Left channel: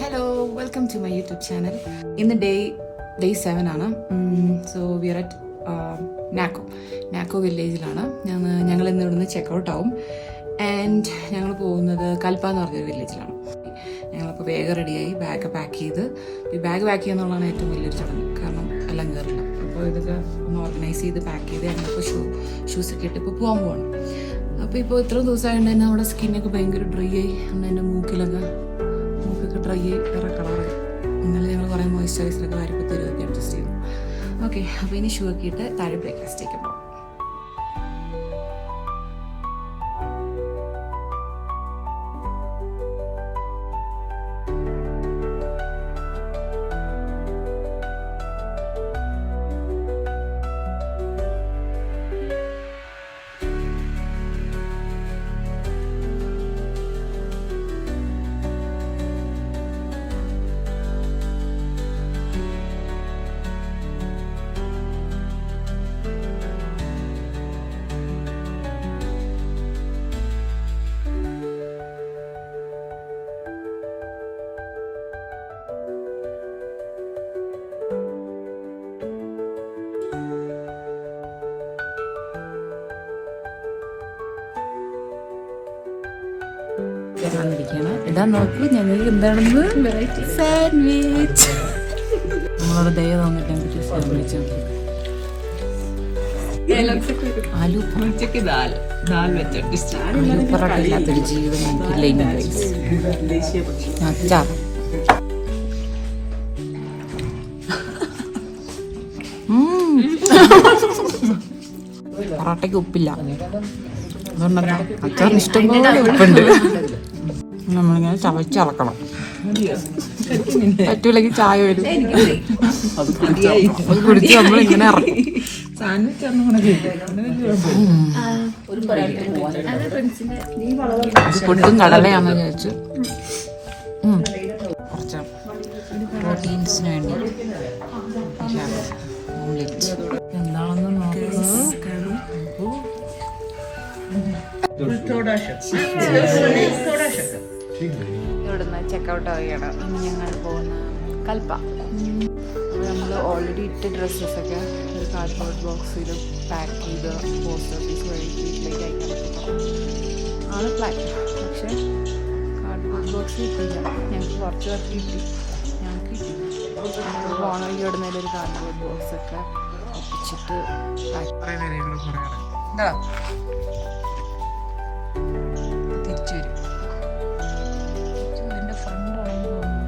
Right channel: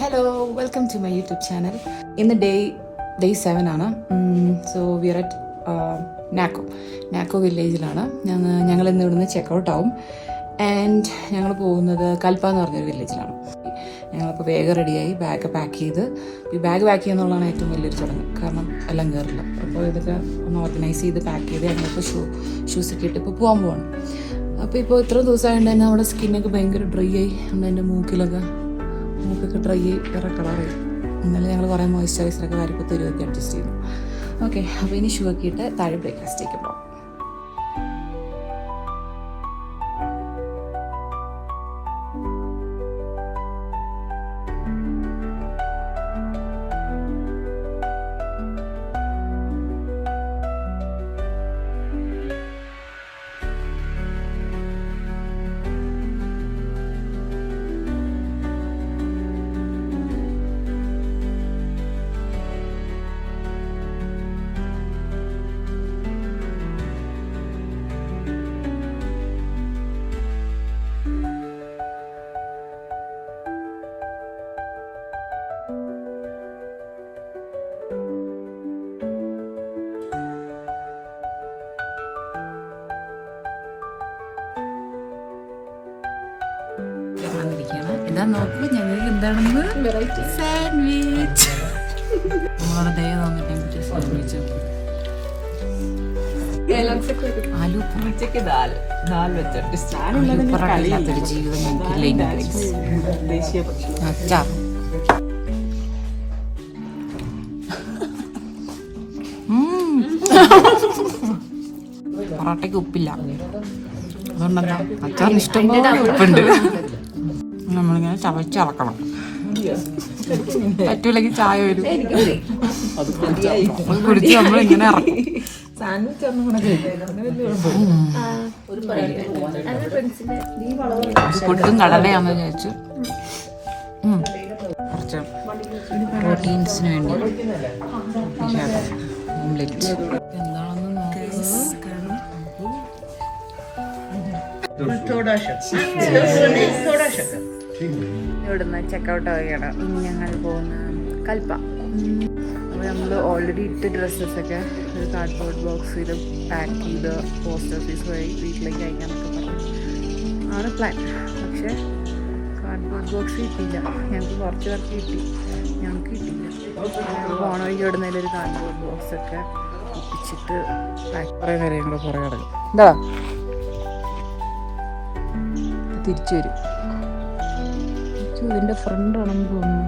Hello, welcome to my YouTube channel. ഇന്ന് day 7 ആണ്. So we are at Nako വില്ലേജിലാണ്. ഞങ്ങൾ ഇന്ന് ഇവിടുന്ന് ചെക്കൗട്ട് ആവും. ആൻഡ് ഞങ്ങൾ പോകുന്നത് കൽപ്പ എന്ന് പറഞ്ഞൊരു വില്ലേജിലാണ്. ഞങ്ങളിപ്പോൾ വേഗം റെഡിയായി ബാഗ് പാക്ക് ചെയ്ത്. ഈ ബാഗ് പാക്ക് ചെയ്യുക എന്നുള്ളതാണ് ഏറ്റവും വലിയൊരു ചടങ്ങ്. കാരണം എല്ലാം കയറില്ല. അപ്പോൾ ഇതൊക്കെ ഒന്ന് ഓർഗനൈസ് ചെയ്ത് പാക്ക് ചെയ്ത് ഞങ്ങളിപ്പോൾ ഷൂസൊക്കെ ഇട്ട് ഇപ്പോൾ പോകാൻ പോവാണ്. അപ്പോൾ ഇപ്പോൾ ഇത്രയും ദിവസമായതുകൊണ്ട് തന്നെ നമ്മുടെ സ്കിന്നൊക്കെ ഭയങ്കര ഡ്രൈ ആയി. എൻ്റെ മൂക്കൊക്കെ ഡ്രൈ ആയി വേറെ കളറായി. എന്നാലും ഞങ്ങൾ കുറേ മോയ്സ്ചറൈസറൊക്കെ കാര്യപ്പോൾ തരുവൊക്കെ അഡ്ജസ്റ്റ് ചെയ്തു. ഓക്കെ, അപ്പോൾ ഇനി ഷൂ ഒക്കെ ഇട്ട് താഴെ ബ്രേക്ക്ഫാസ്റ്റേക്ക് പോകാം. വന്നിരിക്കുകയാണ്. ഇതാ നോക്കൂ, ഞങ്ങൾക്ക് എന്താണെന്ന് സാൻഡ്വിച്ച്. നമ്മളോട് ദയ തോന്നിട്ട് സാൻഡ്വിച്ച് ആലു പൊറോട്ട ഇല്ലാത്തൊരു ജീവിതം ഞങ്ങൾക്കില്ല. അച്ചാർ പൊറോട്ടയ്ക്ക് ഉപ്പില്ല, അതുകൊണ്ടെന്താ അച്ചാറിന് ഇഷ്ടംപോലെ ഉപ്പുണ്ട്. നമ്മളിങ്ങനെ ചവച്ചിറക്കണം. പറ്റൂല്ലെങ്കിൽ ചായ വരും, അത് പിടിച്ച് നമ്മളിങ്ങനെ ഇറക്കും. പൊട്ടും കടലയാണെന്ന് വെച്ച് കുറച്ച് പ്രോട്ടീൻസിന് വേണ്ടി ഓംലെറ്റ് എന്താണെന്ന് ഇവിടുന്ന് ചെക്കൗട്ട് ആവുകയാണ്. ഇനി ഞങ്ങൾ പോകുന്ന കൽപ്പ. അപ്പോൾ നമ്മൾ ഓൾറെഡി ഇട്ട ഡ്രസ്സസൊക്കെ ഒരു കാർഡ്ബോർഡ് ബോക്സിൽ പാക്ക് ചെയ്ത് പോസ്റ്റ് ഓഫീസ് വഴി വീട്ടിലേക്ക് അയക്കാനൊക്കെ പറഞ്ഞു ആണ് പ്ലാൻ. പക്ഷേ കാർഡ്ബോർഡ് ബോക്സ് കിട്ടിയില്ല. ഞങ്ങൾക്ക് കുറച്ച് പേർക്ക് കിട്ടി, ഞങ്ങൾക്ക് കിട്ടിയില്ല. ഞങ്ങൾ പോണ വഴിക്ക് ഇവിടുന്നതിൽ ഒരു കാർഡ്ബോർഡ് ബോക്സൊക്കെ ഒപ്പിച്ചിട്ട് കുറേ നേരം ഞങ്ങൾ കുറേ കിടക്കും. എന്താ തിരിച്ചു വരും. ഇതിൻ്റെ ഫ്രണ്ടാണെന്ന് തോന്നുന്നു.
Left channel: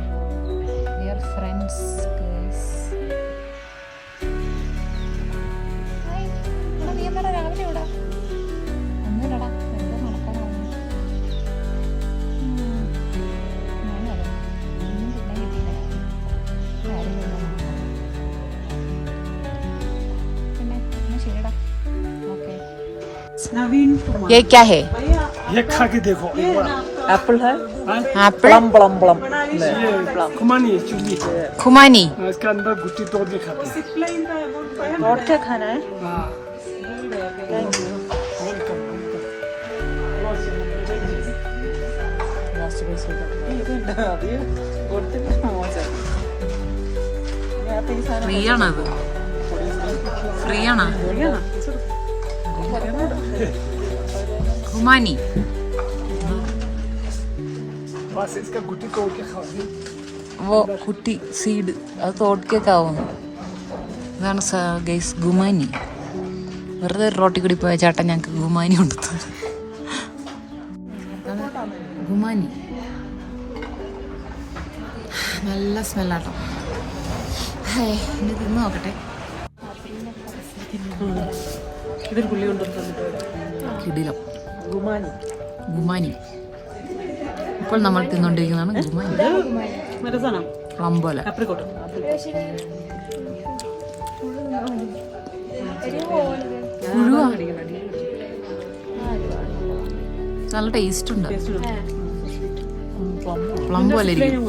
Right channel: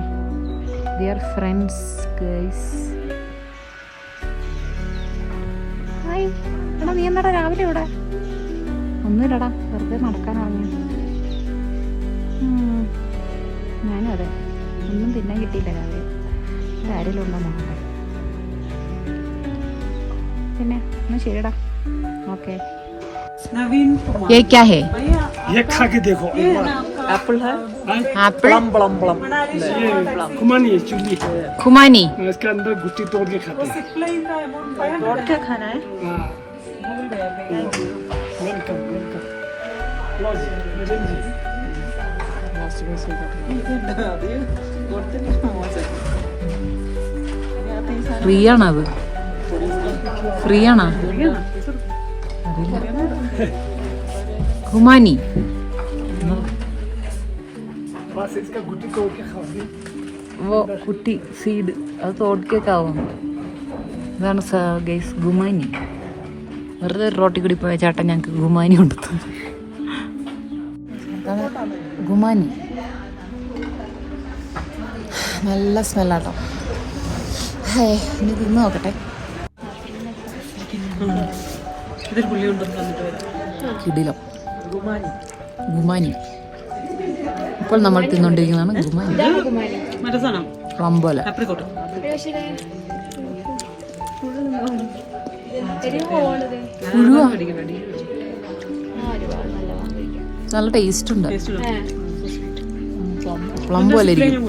We are friends guys. Hi എടാ, നീ എന്താടാ രാവിലെ ഇവിടെ? ഒന്നുമില്ലടാ, വെറുതെ നടക്കാൻ ഇറങ്ങിയ. ഞാനും അതെ, ഒന്നും തിന്നാൻ കിട്ടിയില്ല രാവിലെ. ആരെങ്കിലും ഉണ്ടോ നോക്കട്ടെ. പിന്നെ എന്നാ ശരിടാ, ഓക്കെ. ये क्या है? ये खा के देखो एक बार। एप्पल है? एप्पल प्लम ये खुमानी चिली है। खुमानी इसके अंदर गुट्टी तोड़ के खाते हैं। तोड़ के खाना है? हाँ, वेलकम वेलकम। ഫ്രീ ആണത്? ഫ്രീ ആണോ? खुमानी वो കുട്ടി സീഡ് അത് തോടുക്കേക്കാവുന്നു. ഇതാണ് ഗൈസ് ഗുമാനി. വെറുതെ ഒരു റോട്ടി കൂടി പോയ ചേട്ടൻ ഞങ്ങൾക്ക് ഗുമാനി കൊണ്ടുത്തന്നു. ഗുമാനി നല്ല സ്മെല്ലാട്ടോ. ഇനി തിന്ന് നോക്കട്ടെ. കിടിലം ഗുമാനി. ഇപ്പോൾ നമ്മൾ തിന്നുകൊണ്ടിരിക്കുന്നതാണ് ഗുമാനി. റംബോല പുഴുവാ, നല്ല ടേസ്റ്റ് ഉണ്ട്. പ്ലം പോലെ ഇരിക്കും.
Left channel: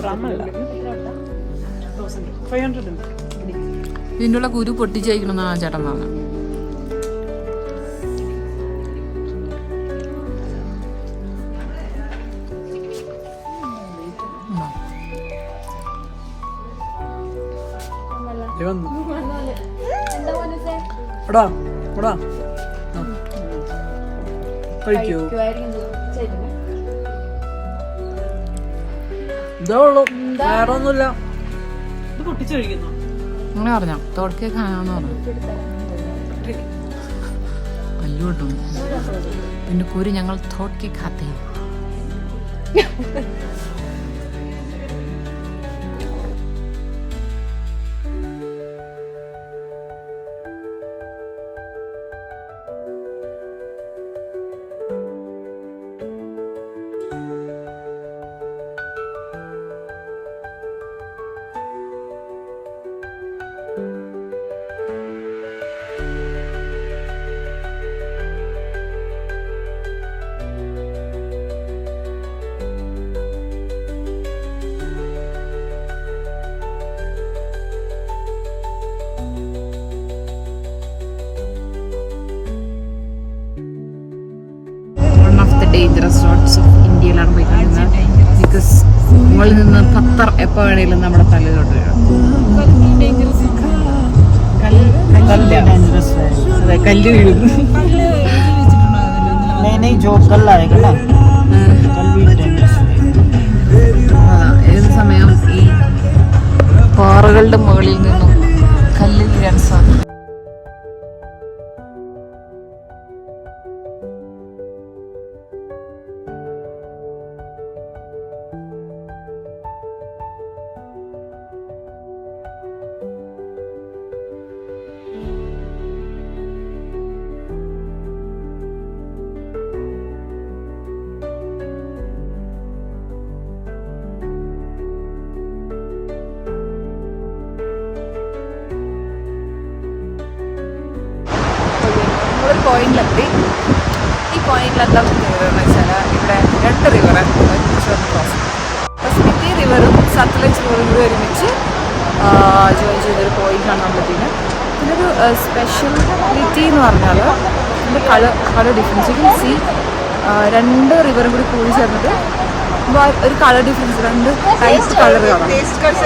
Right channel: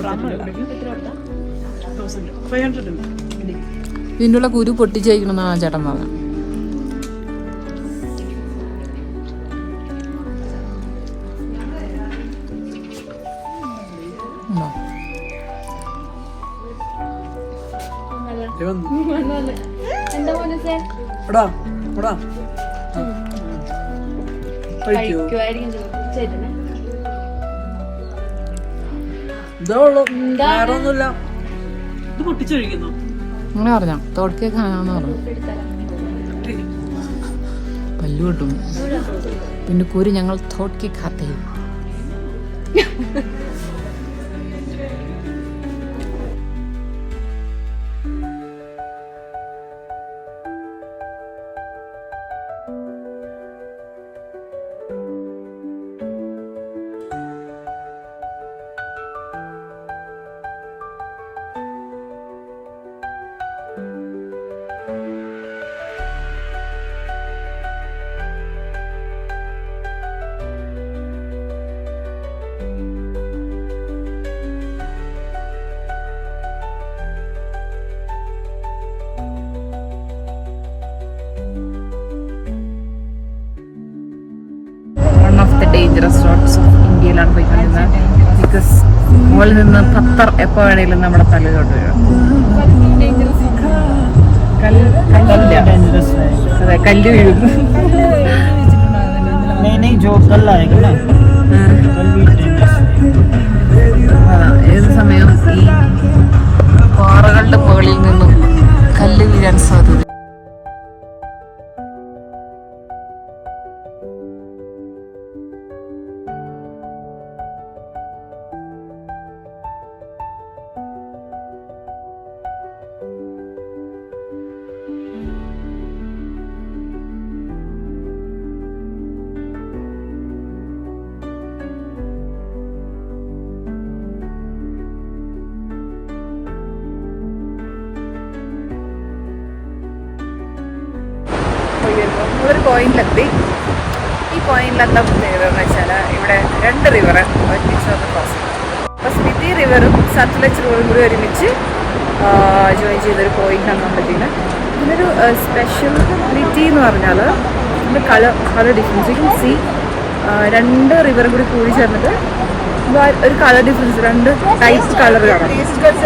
ഇതിൻ്റെ ഉള്ള കുരു പൊട്ടിച്ച് കഴിക്കണമെന്നാണ് ചേട്ടൻ പറഞ്ഞത്. അങ്ങനെ പറഞ്ഞോ തോട്ടൊക്കെ കാണാന്ന് പറഞ്ഞു പല്ലു കിട്ടും പിന്നെ കൂരി ഞങ്ങൾ തോട്ടൊക്കെ കാത്തേ ഡേഞ്ചറസ് റോഡ്സ് ഓഫ് ഇന്ത്യയിലാണ് പോയിക്കൊണ്ടിരുന്നത് ബിക്കോസ് മുകളിൽ നിന്ന് പത്തർ എപ്പോൾ വേണേലും നമ്മുടെ തലയിലോട്ട് വീഴും അതെ കല്ല് വീഴുന്നു അതാ ഏത് സമയം ഈ പാറകളുടെ മുകളിൽ നിന്നും കല്ല് വീഴാൻ സാധ്യത നമ്മളൊരു പോയിന്റിലെത്തി ഈ പോയിന്റിലെത്താൻ ചെയ്തതെന്ന് വെച്ചാൽ ഇവിടെ 2 റിവർ ഒരുമിച്ച് വന്ന് ക്രോസ് ചെയ്യും അപ്പോൾ സ്പിറ്റി റിവറും സത്ലജ് റിവറും കൂടി ഒരുമിച്ച് ജോയിൻ ചെയ്തൊരു പോയിന്റാണ് നമ്മളെത്തിയത് ഇതിനൊരു സ്പെഷ്യാലിറ്റി എന്ന് പറഞ്ഞാൽ ഇത് colour difference you can see 2 റിവറും കൂടി ചേർന്നിട്ട് ഒരു കളർ ഡിഫറൻസ് 2 ടൈപ്പ് കളർ കാണാം കേട്ടോ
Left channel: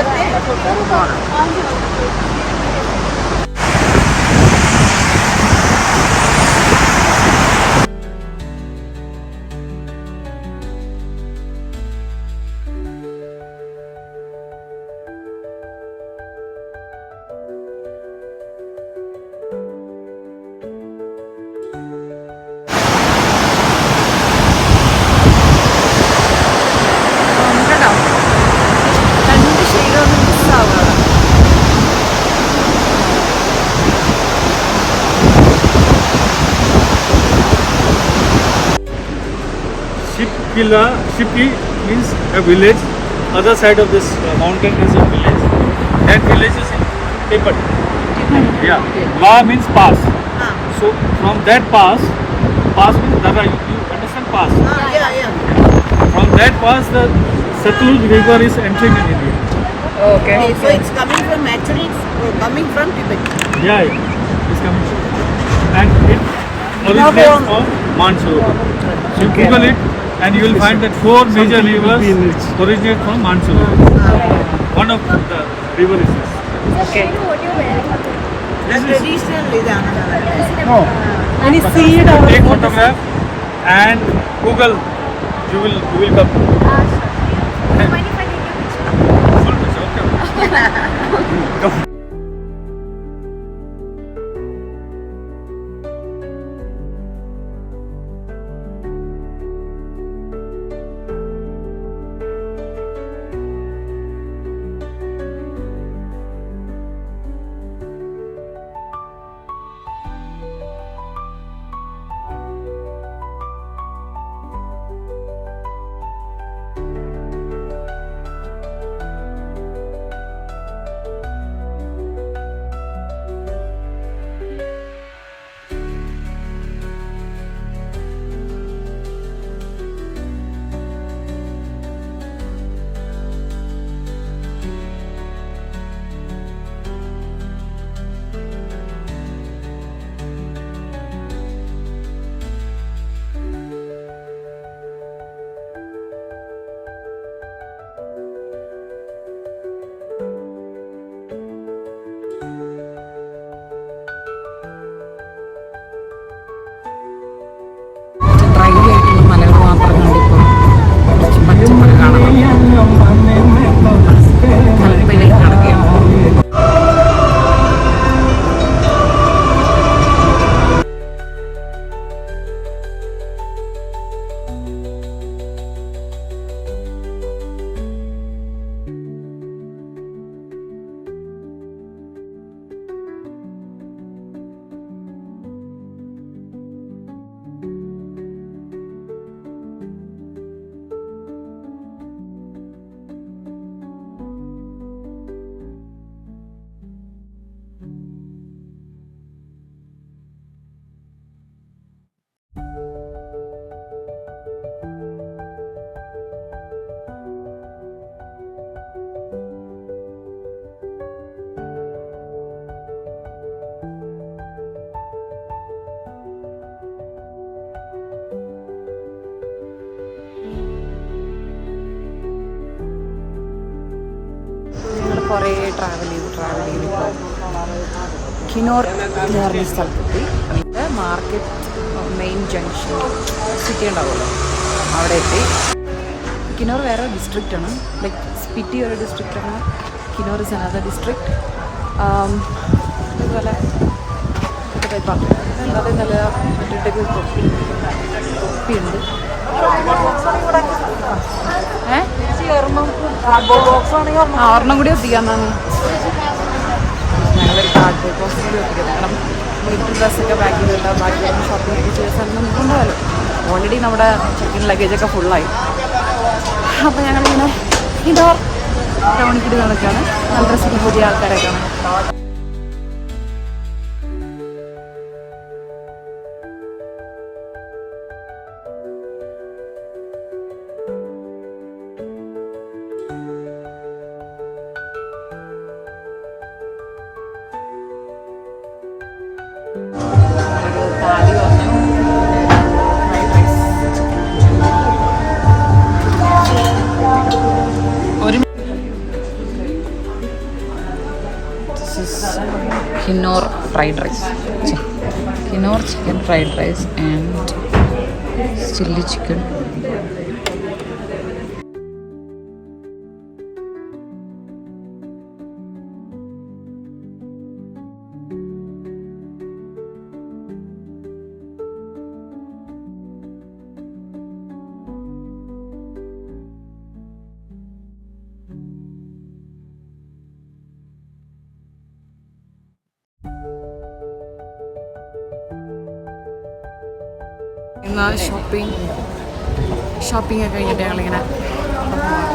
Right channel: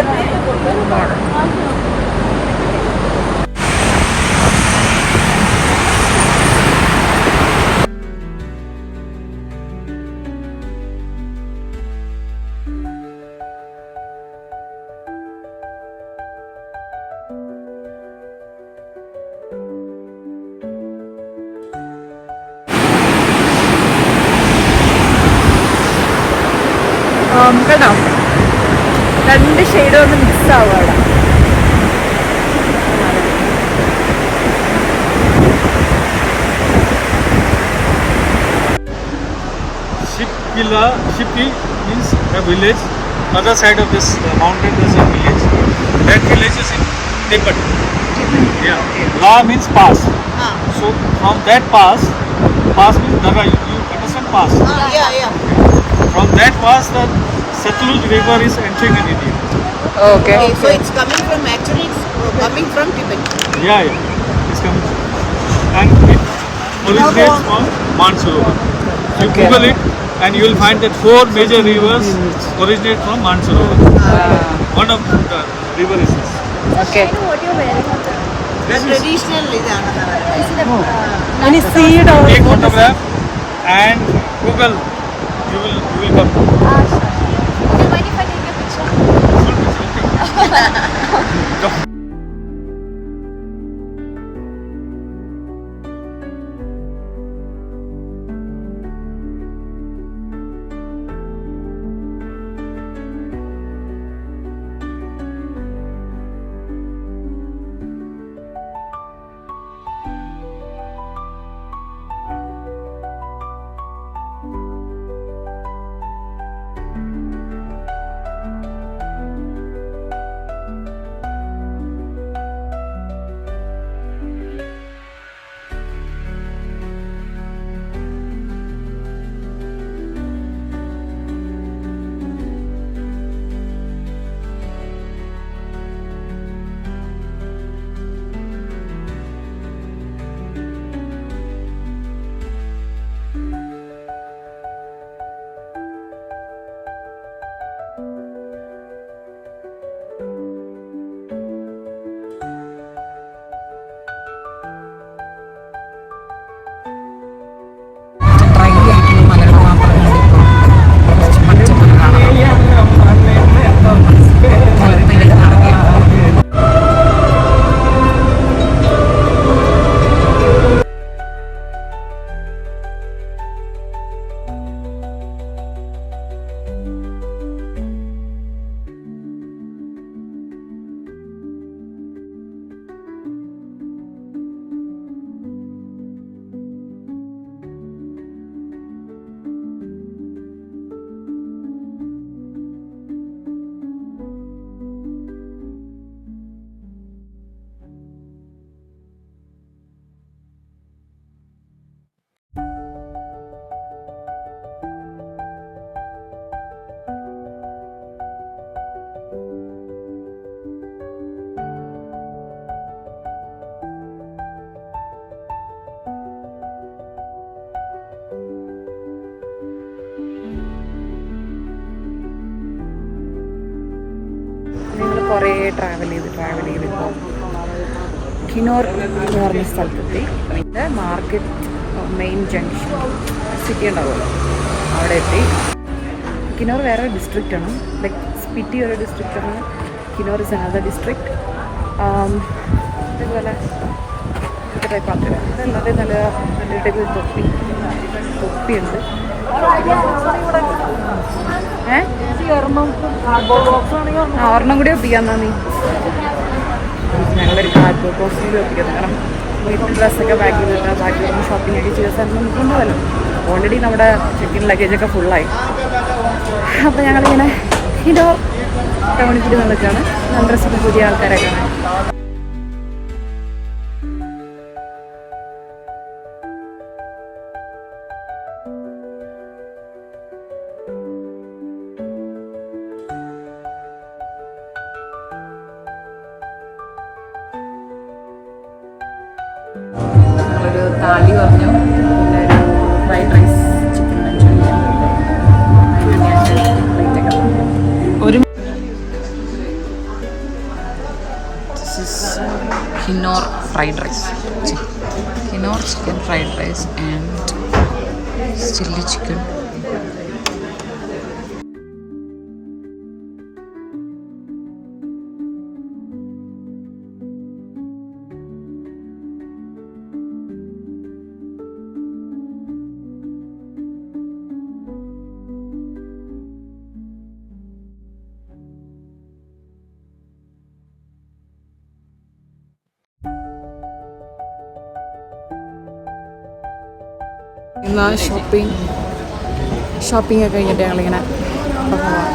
2 ഷെയ്ഡ് ഒന്ന് മിക്സ് ആവും അവിടെ Shipki means a village. Other side of this mountain is a village. That village is in Tibet. Yeah. Okay. La means pass. So from that pass means Daga. You understand pass? Yeah. From that pass, the Satluj river is entering in India. Okay. So it's coming from actually it's coming from Tibet. Yeah. It's coming from. And it originates from Mansarovar. You Google it and you will find that 4 major rivers originate from Mansarovar. One of the river is this. Okay. This is Traditional Any seed or take photograph and Google. You will come. Okay. Come. കുറേ travel ചെയ്ത് ഇപ്പോൾ കിനോർ എന്ന് പറഞ്ഞ സ്ഥലത്തെത്തി. ഇത് market main junction city ഉണ്ടാവുമല്ലോ, അവിടെ എത്തി. കിനോർ വേറെ ഡിസ്ട്രിക്റ്റാണ്, ലൈക്ക് സ്പിറ്റി ഒരു ഡിസ്ട്രിക്റ്റാണ്, കിനോർ ഇസ് അനദർ ഡിസ്ട്രിക്റ്റ്. ഇതുപോലെ ഇതൊക്കെ ടൈപ്പ് ആക്കുക. ഇതല്ലാതെ നല്ല മറ്റേ തൊപ്പിയുണ്ട്. ഒരെണ്ണം കൂടി ഒപ്പിക്കാന്നാണ്. ഞങ്ങളൊരു കാർഡ്ബോർഡ് ബോക്സും കൂടി ഒപ്പിക്കുന്നത്. കാരണം വീട്ടിൽ ഡ്രസ്സൊക്കെ ബാക്കി കിട്ടുക, ബാക്കി ഒന്ന് ഷോപ്പിംഗ് ഒക്കെ ചെയ്ത സ്ഥലം നമുക്ക് ഉണ്ടാവല്ലോ. ഓൾറെഡി നമ്മുടെ ചെക്കിൻ ലഗേജൊക്കെ ഫുള്ളായി. അപ്പോൾ ഞങ്ങളിങ്ങനെ ഇൻഡോർ ടൗണിൽ കൂടി നടക്കുകയാണ്. നല്ല ഡ്രസ്സൊക്കെ പുതിയ ആൾക്കാരെ കാണാൻ. ഒരു താളി പറഞ്ഞു, പിന്നെ ഒരു ഫ്രൈഡ് റൈസ്, ചിക്കൻ മഞ്ചൂരിയൻ, ഒരു Kinnaur fried rice, Kinnaur chicken fried rice and chilli chicken. എന്നാൽ ഷോപ്പിംഗ് ഒക്കെ കഴിഞ്ഞിട്ട് ഞങ്ങളിങ്ങനെ പോവാം.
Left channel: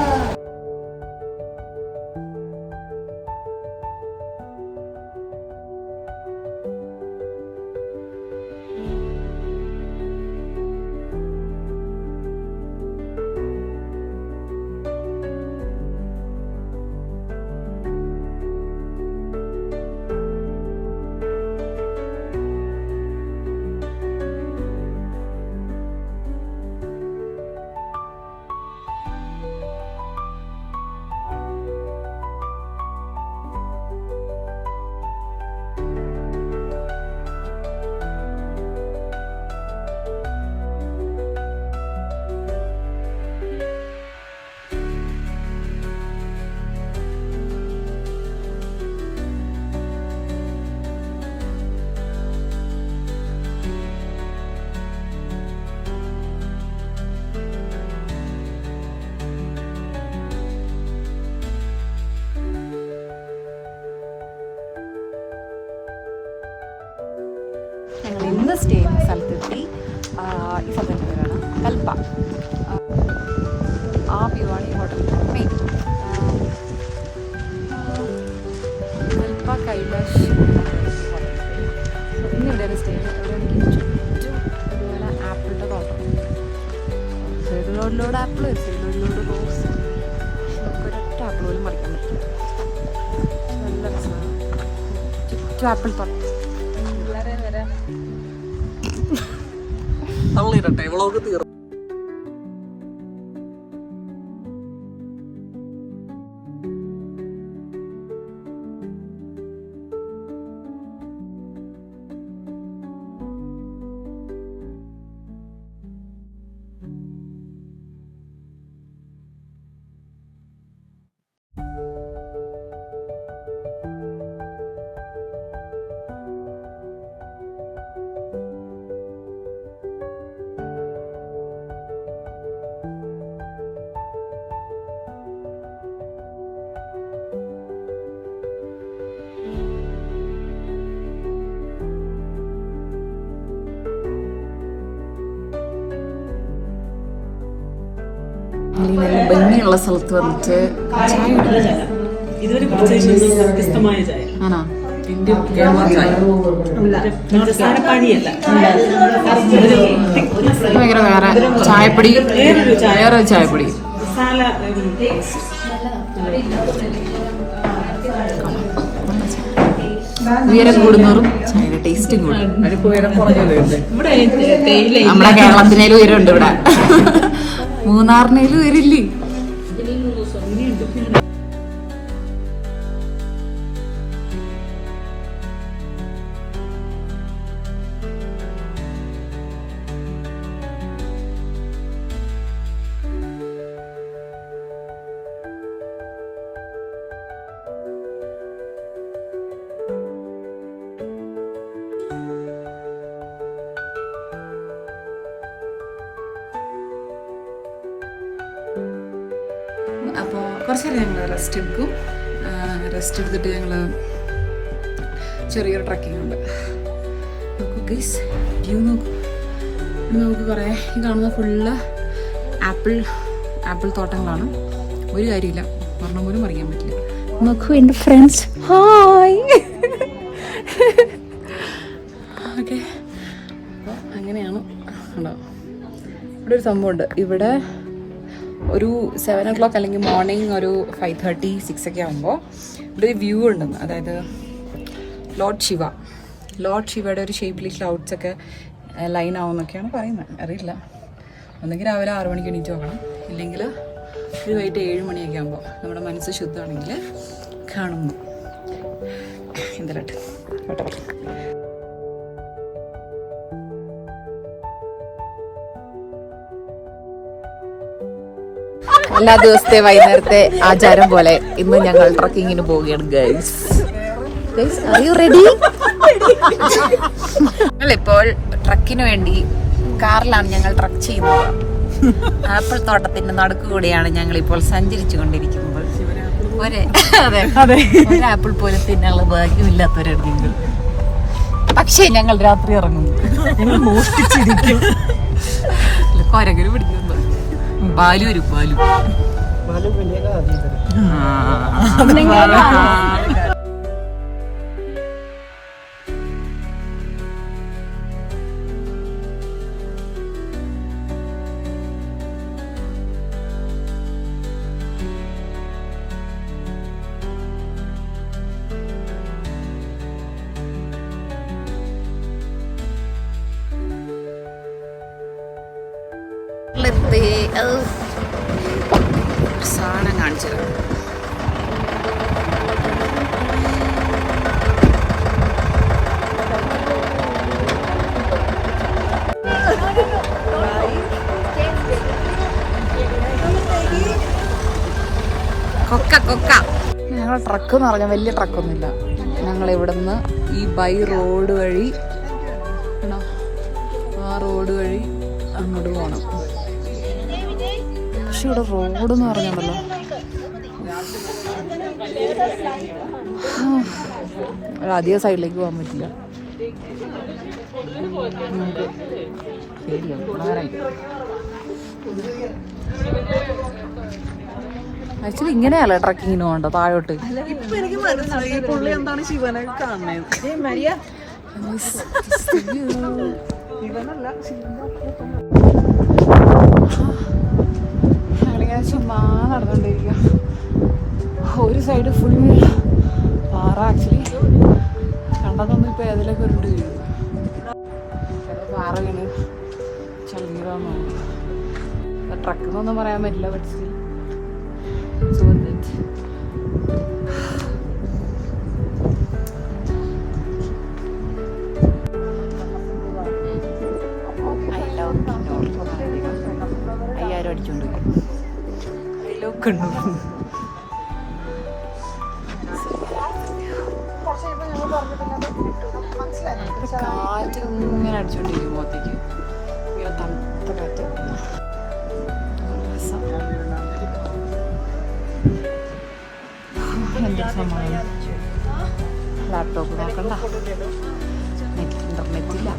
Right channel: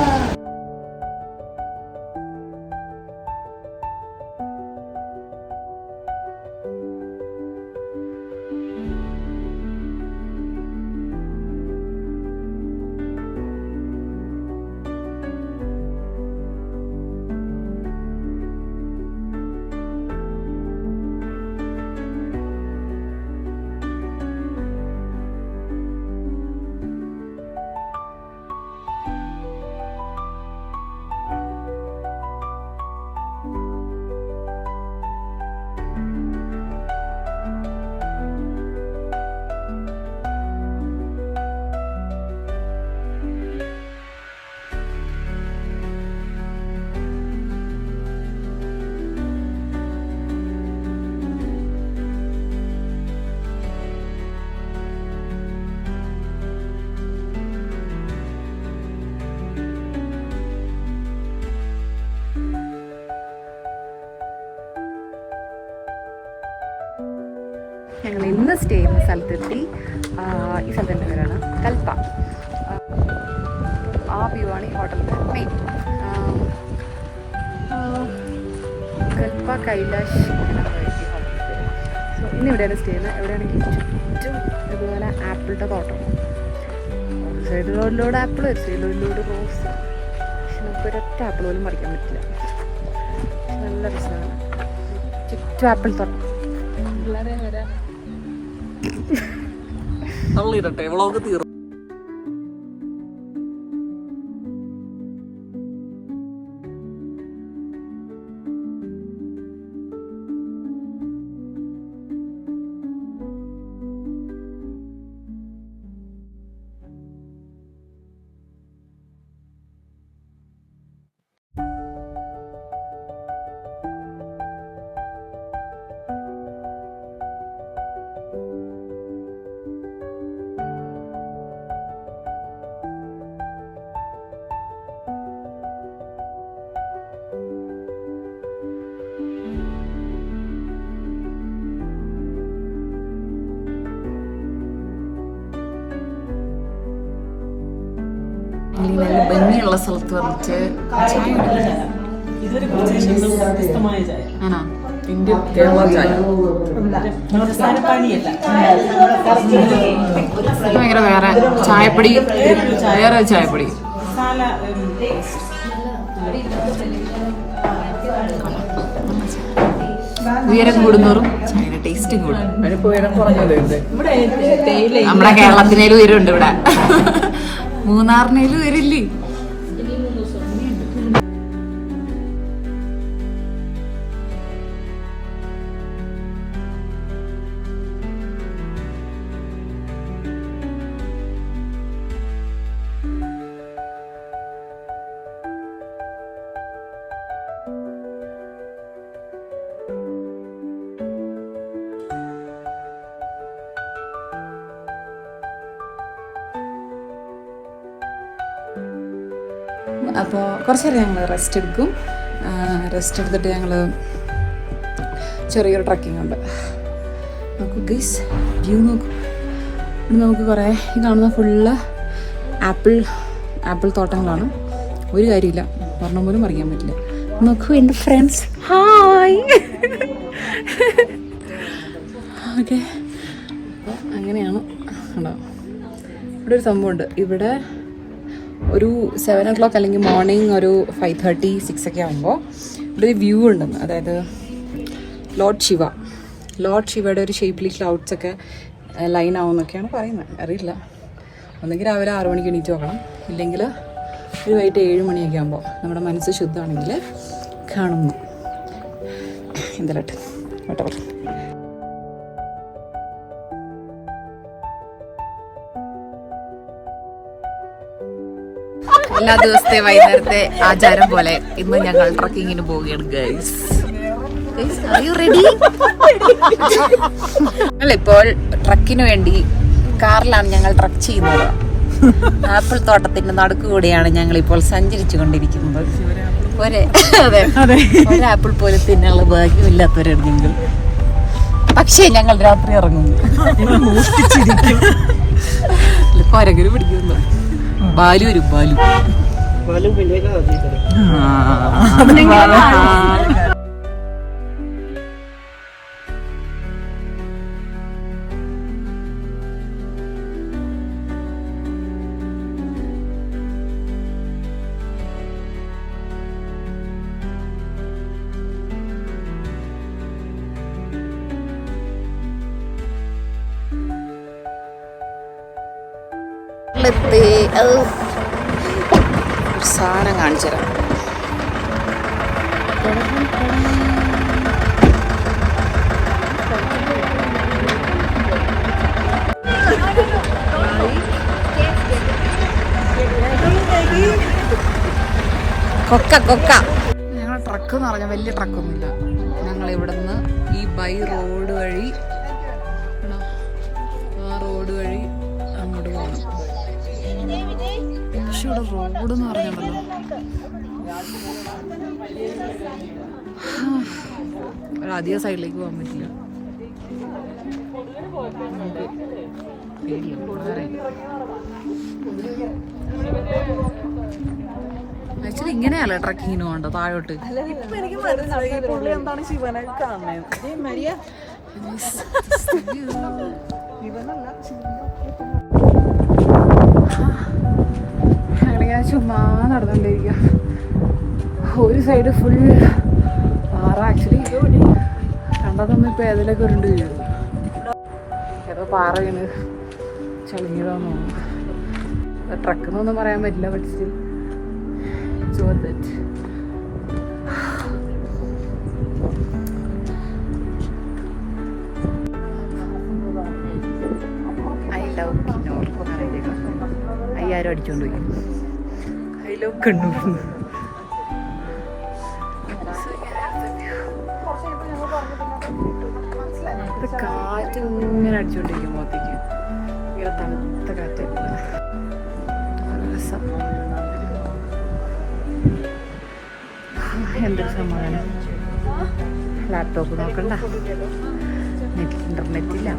ഞങ്ങൾ ഇന്ന് സ്റ്റേ ചെയ്യുന്ന സ്ഥലത്തെത്തി. ഈ സ്ഥലത്തിൻ്റെ പേരാണ് കൽപ്പ. ആ വ്യൂ ആണ് ഈ ഹോട്ടലിൻ്റെ മെയിൻ. കൽപ്പ കൈലാഷ് എന്നാണ് ഈ ഹോട്ടലിൻ്റെ പേര്. ഇന്ന് എവിടെയാണ് സ്റ്റേ ചെയ്യുന്നത്? എവിടെയാണെങ്കിൽ ചുറ്റും ഇതുപോലെ ആപ്പിളിൻ്റെ തോട്ടം. ഒരു സൈഡ് റോഡിലൂടെ ആപ്പിൾ, ഒരു സൈഡ് റോഡിലൂടെ റോസ്. പക്ഷെ നമുക്കൊരൊറ്റ ആപ്പിൾ പോലും പറിക്കാൻ പറ്റില്ല. നല്ല രസമാണ്. ചുറ്റും ആപ്പിൾ തോട്ടം. വ്ളോഗ് തീർന്നു. നല്ല ഭംഗിയുള്ള സ്ഥലത്ത് വന്നിട്ട് ചായ ആണോ? ഭയങ്കര വേറെ ചായപ്പൊടി, വേറെ ചായപ്പൊടി. ഉയരം കൂടുന്നോറും ചായയുടെ ടേസ്റ്റും കൂടും. നമ്മുടെ കേരളത്തിനേലും ഉയരമുണ്ട് ഇവിടെ, മൂന്നാറിനേലും ഉയരില്ലേ. അപ്പോൾ കുറച്ച് നേരം ഞങ്ങൾ റെസ്റ്റ് എടുക്കും. റെസ്റ്റ് എടുത്തിട്ട് ഞങ്ങൾ ചെറിയൊരു ട്രക്കിംഗ് ഉണ്ട്. നോക്കൂ ഗൈസ്, വ്യൂ നോക്കൂ. ഇവിടെ നമുക്ക് കുറേ ഈ കാണുന്ന ഫുള്ള് ആപ്പിൾ തോട്ടങ്ങളാണ്. ഒരു കാര്യമില്ല, ഒരെണ്ണം പോലും പറയാൻ പറ്റില്ല. നോക്കൂ എൻ്റെ ഫ്രണ്ട്സ്, ഹായ്. ഓക്കെ, അപ്പോൾ അങ്ങനെയാണ്. ഉണ്ടോ, ഇവിടെ ഒരു സംഭവമുണ്ട്. ഇവിടെ ഒരു 7 o'clock അല്ലെങ്കിൽ മോർണിംഗ് ഒരു 5:30, 6 ഒക്കെ ആകുമ്പോൾ ഇവിടെ ഒരു വ്യൂ ഉണ്ടെന്ന്. അതായത് ലോർഡ് ശിവയുടെ ഒരു ഷേപ്പിൽ ക്ലൗഡ്സൊക്കെ ലൈൻ ആവുമെന്നൊക്കെയാണ് പറയുന്നത്. അറിയില്ല. ഒന്നെങ്കിൽ രാവിലെ 6 മണിക്ക് എണീറ്റ് നോക്കണം, ഇല്ലെങ്കിൽ ഒരു വൈകിട്ട് 7 മണിയൊക്കെ ആകുമ്പോൾ നമ്മുടെ മനസ്സ് ശുദ്ധമാണെങ്കിൽ കാണുന്നു. എന്തായാലും കേട്ടോ. എല്ലാ ദിവസത്തെ വൈകുന്നേരത്തെ ആചാരം പോലെ ഇന്ന് ഞങ്ങൾ ട്രക്കിങ്ങിന് പോവുകയാണ് ഗൈസ്. Are you ready? ഞങ്ങളിപ്പോൾ ട്രക്കിന് വേണ്ടി കാറിലാണ് ഞങ്ങൾ ട്രക്ക് ചെയ്യുന്നത്. ആപ്പിൾ തോട്ടത്തിന്റെ നടുക്കുകൂടെയാണ് ഞങ്ങൾ ഇപ്പോൾ സഞ്ചരിച്ചു കൊണ്ടിരിക്കുന്നത്. ഒരാപ്പിൾ പോലും തിന്നാനുള്ള ഭാഗ്യമില്ലാത്തവരാണ് ഞങ്ങൾ. പക്ഷേ ഞങ്ങൾ രാത്രി ഇറങ്ങുന്നു. കൊരകര് പിടിക്കുന്നു. ബാലു വരും, ബാലു. ഒരു സാധനം കാണിച്ചു തരാം. കൊക്ക ഞങ്ങളുടെ ട്രക്ക് എന്ന് പറഞ്ഞാൽ വലിയ ട്രക്കൊന്നുമില്ല. ഞങ്ങൾ ഇവിടുന്ന് ഈ ബൈ റോഡ് വഴി അങ്ങോട്ട് പോകണം. പക്ഷെ ഇവിടെ റോഡ് എന്ന് പറഞ്ഞാണല്ലോ, അധികം സൈഡിലേക്ക് പോകാൻ പറ്റില്ല. നമുക്ക് പേടിയാവും. ആക്ച്വലി ഇങ്ങനെയല്ലേ ട്രക്കിങ്ങിന് പോകണ്ട താഴോട്ട്. ഞങ്ങളിങ്ങനെ ചുമ്മാ നടന്നുകൊണ്ടിരിക്കുക. ഒരു സൈഡ് ഫുൾ പാറ. ആക്ച്വലി കണ്ടതൊന്നും ഇപ്പൊ ഏതിലൊക്കെ ഉരുണ്ട് വീഴുന്നു. ചിലപ്പോൾ പാറ വീണ് ചളിഞ്ഞതാന്ന് തോന്നുന്നു. ട്രക്ക് എന്നൊന്നും പറയാൻ പറ്റില്ല. പക്ഷേ അയ്യായിരം അടിച്ചോണ്ട് പോയി. I love Kannur. കാറ്റ് ഇങ്ങനെ അടിച്ചോണ്ടിരിക്കും മുഖത്തേക്ക്. ഇങ്ങനെ തണുത്ത കാറ്റ്. രസം. എന്തൊരു സമാധാനം. ലാപ്ടോപ്പ് നോക്കണ്ട, ഇന്റർനെറ്റ് ഇല്ല.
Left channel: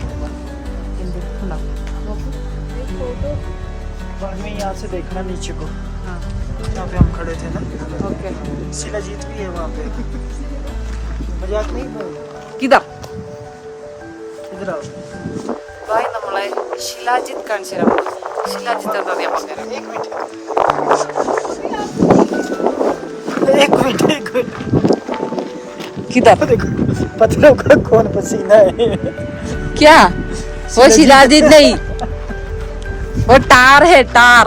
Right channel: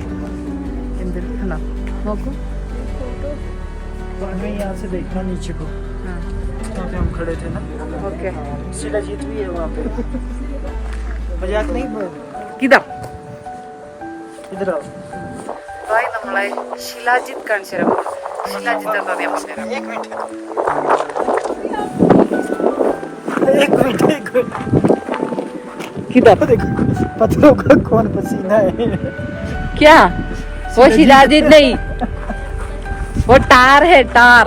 എന്തൊരു കണ്ടോ നോക്കൂ. मैं यहाँ से देखना नीचे को। हाँ, यहाँ पे हम खड़े थे ना। ओके, शिलाजीत भी है वहाँ पे। मजाक नहीं बोल। किधर इधर आओ। भाई നമ്മളെ ശിലാജിത്ത് കാണിച്ചു തരാം. ശിലാജിത്ത് എന്താ ഞാൻ പറഞ്ഞുതരാം. एक मिनट किधर देखो, पत्थरों का कौन पसीना है? क्या? वो शिलाजीत नहीं, वो टार है, टार.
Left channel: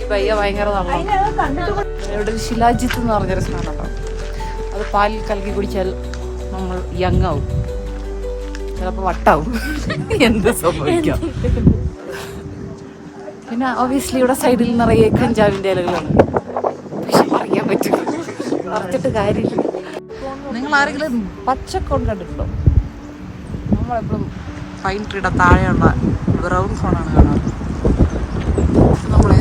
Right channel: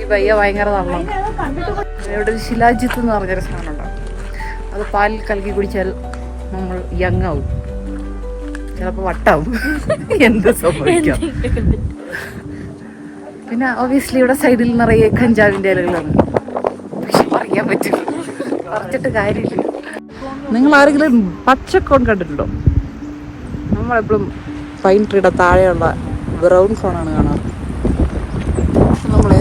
ഈ പയ്യ ഭയങ്കര നല്ലതാണ്. ഇവിടെ ശിലാജിത്ത് എന്ന് പറഞ്ഞൊരു സാധനം ഉണ്ടാവും. അത് പാലിൽ കലക്കി കുടിച്ചാൽ നമ്മൾ യങ് ആവും, ചിലപ്പോൾ വട്ടാവും. എന്ത് സംഭവിക്കാം. പിന്നെ ഒബിയസ്ലി ഇവിടെ സൈഡിൽ നിറയെ കഞ്ചാവിൻ്റെ ഇലകളാണ്. പക്ഷെ പറയാൻ പറ്റില്ല, പറിച്ചിട്ട് കാര്യമില്ല. നിങ്ങൾ ആരെങ്കിലും പച്ചക്കോൺ കണ്ടിട്ടുണ്ടോ? നമ്മളെപ്പോഴും പൈൻ ട്രീയുടെ താഴെയുള്ള ബ്രൗൺ കോണാണ് കാണാറ്. നമ്മളെ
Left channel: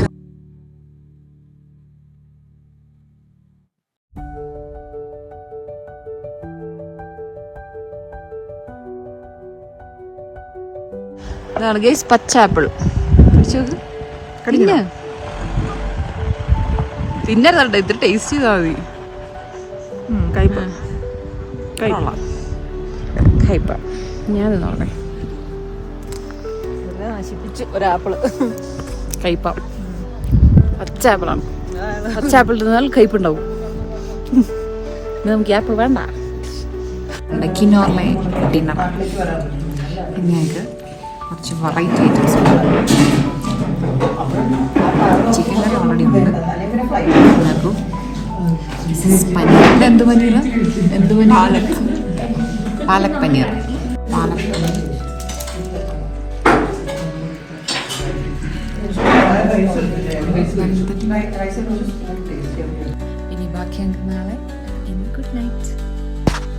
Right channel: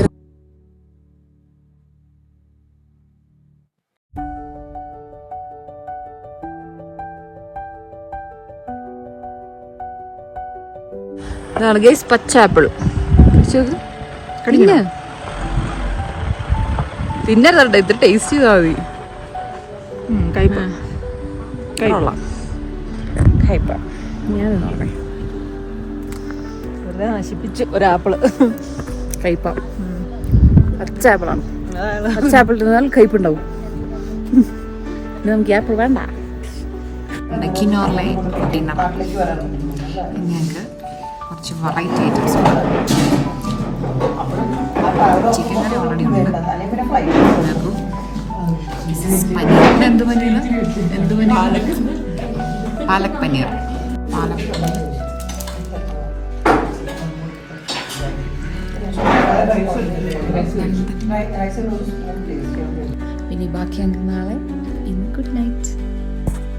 ഇതാണ് ഗൈസ് പച്ച ആപ്പിൾ കടിഞ്ഞ തിന്നല്ല ഇത് ടേസ്റ്റ് ചെയ്താൽ മതി. കയ്പ കയ്പ ഞാൻ നോക്കട്ടെ. നശിപ്പിച്ച് ഒരാപ്പിള് കയ്പ. പച്ച ആപ്പിളാണ്. പച്ച ആപ്പിൾ തിന്നാൽ കയ്പുണ്ടാവും. നമുക്ക് ആപ്പിൾ വേണ്ട. കിനോറിലെ ഡിന്നറാണ്. പിന്നെ ഞങ്ങൾക്ക് കുറച്ച് വെറൈറ്റി ഐറ്റംസ് ഉണ്ട്. ചിക്കൻ കറി ഓൾറെഡി ഉണ്ട്. ഉണ്ടാക്കും പനീർ. എന്ത് പനീർ? എന്ത് പനീർ? പാലക് പനീർ. പാലക് പനീർ. ഇനി ബാക്കി നാളെ. Good night.